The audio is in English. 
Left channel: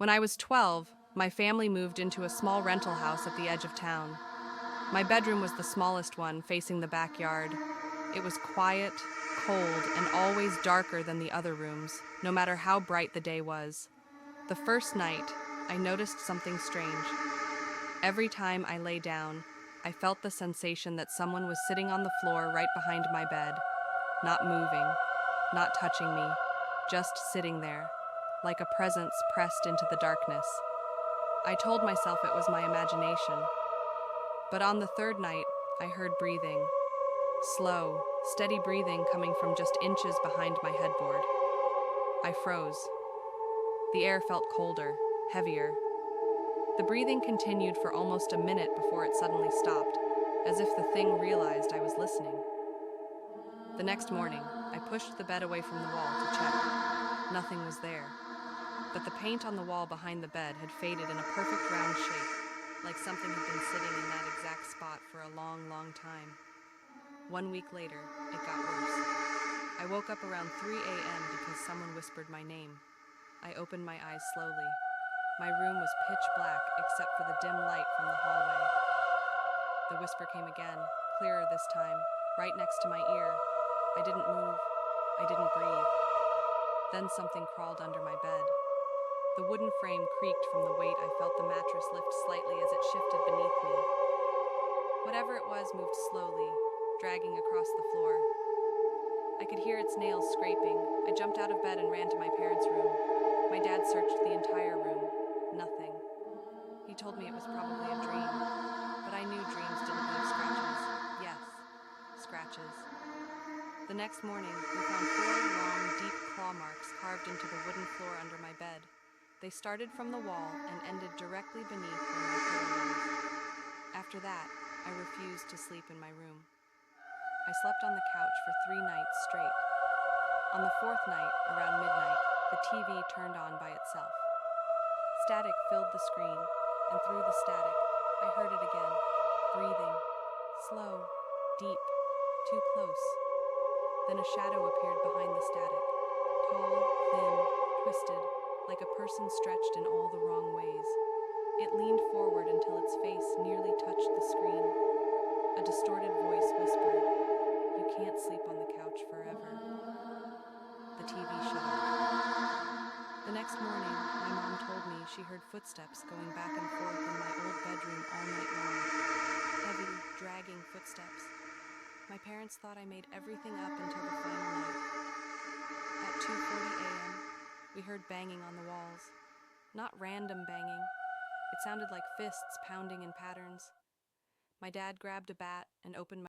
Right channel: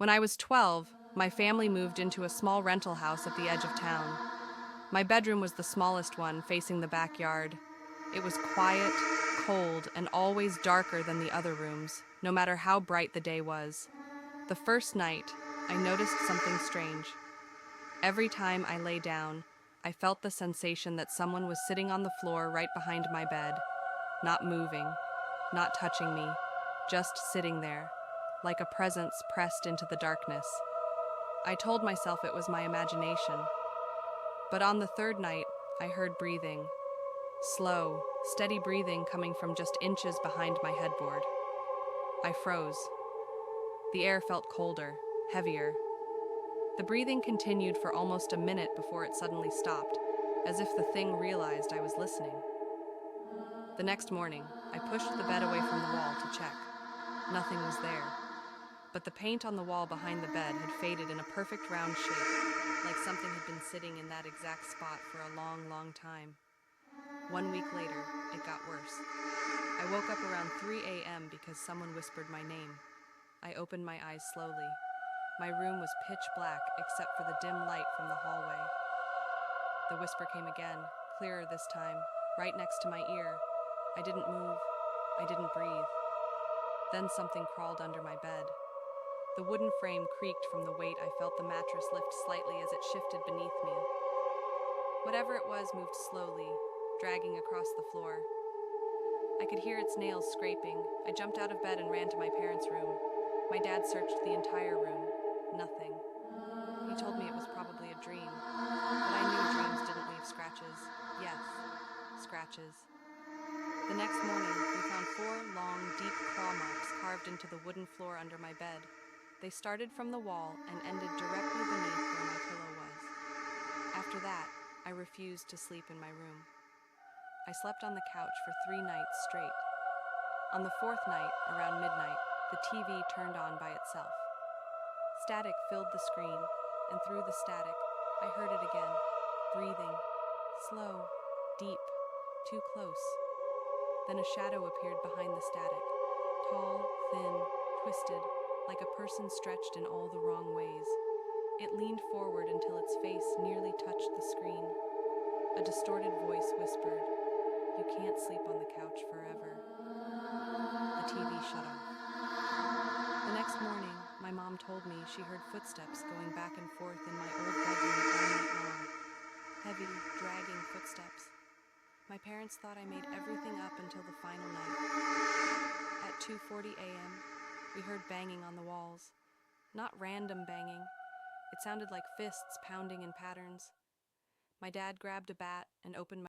When I was 12, my family moved into a small rental house at the edge of town. My bedroom was the smallest one, facing the backyard. It was quiet, cold, and always darker than the other rooms, no matter how bright the day was. The first night, I noticed something strange. Every time I lay down, I felt the sensation that someone was sitting on the floor right behind my bed, not moving, not touching me, just sitting there, like a presence pressed into the darkness. I told myself it was my imagination. But on the third night, I heard breathing. Slow, steady breathing coming from just inches behind my headboard. I froze. The air felt colder, heavier. The breathing continued for almost a minute before it suddenly stopped, as if the thing realized I was listening. The next morning, I pushed the bed away from the wall to check. Nothing was there. But the paint on the wall behind the bed had faded in a perfect round shape, like something had been sitting in that exact spot for a long, long time. 1 week later, it got worse. I woke up around 3 a.m. because someone whispered my name. I opened my eyes slowly. My room was pitch black except for the dim light from the hallway. The whisper came again, clearer this time, right next to my ear. I didn't move. I didn't breathe. Then something crawled under my bed. The wooden frame creaked from the weight. I felt the mattress lift slightly as it shifted beneath me. Whatever it was moved slowly, dragging across the floor. I could hear its nails scraping. I jumped out of bed and ran to my parents' room. My dad searched the entire room. Nothing. He told me it was probably a dream, but I knew dreams didn't leave scratches. Yes, scratches. The next morning, we found 4 long, deep claw marks carved into the wooden floor under my bed. They started from the wall and ended directly beneath where my pillow was. After that, I refused to sleep in my room. I slept on the couch for 3 nights straight. On the 4th night, around midnight, the TV turned on by itself. Static filled the screen, and through the static, I heard it again, breathing, slow, deep, too close. Then a shadow appeared behind the static, tall, thin, twisted, like a person stretched in all the wrong ways. It leaned forward until its face nearly touched the screen. A distorted voice whispered, "You can't sleep on the couch forever." The TV shut off. The next morning, my mom told me she heard footsteps going back and forth in my old bedroom all night long. Heavy, dragging footsteps. My parents thought I made everything up until the final night. At 2:40 a.m., we heard banging on the walls. Not random banging. It sounded like fists pounding in patterns. My dad grabbed a bat and opened my